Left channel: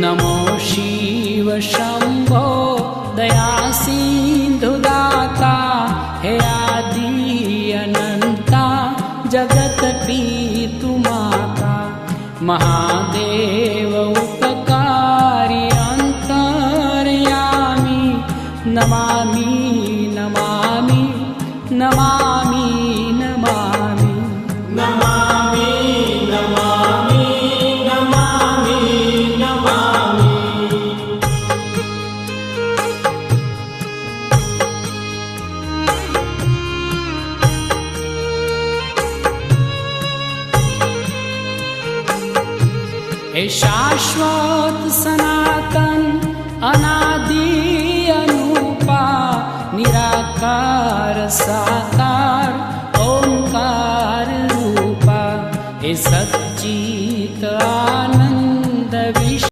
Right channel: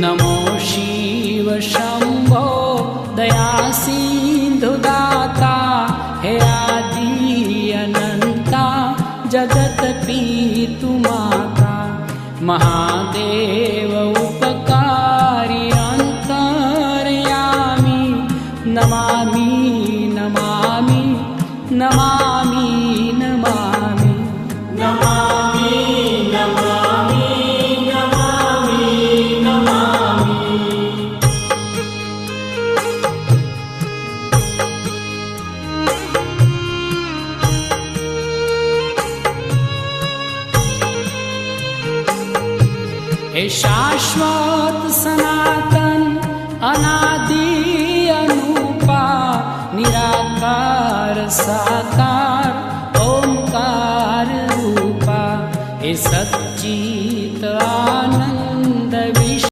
नमो शिव शंभो दया सिंधु दाता हे आदि अनंता जगत पीतु माता महादेव उपकारी अंतर्यामी नमामि नमामि नमामि नमामि नमामि नमामि नमामि नमामि। हे शाश्वत सनातन अनादि अनुपा निराकार साकार ओंकार रूपा हे सच्चित आनंद विश्व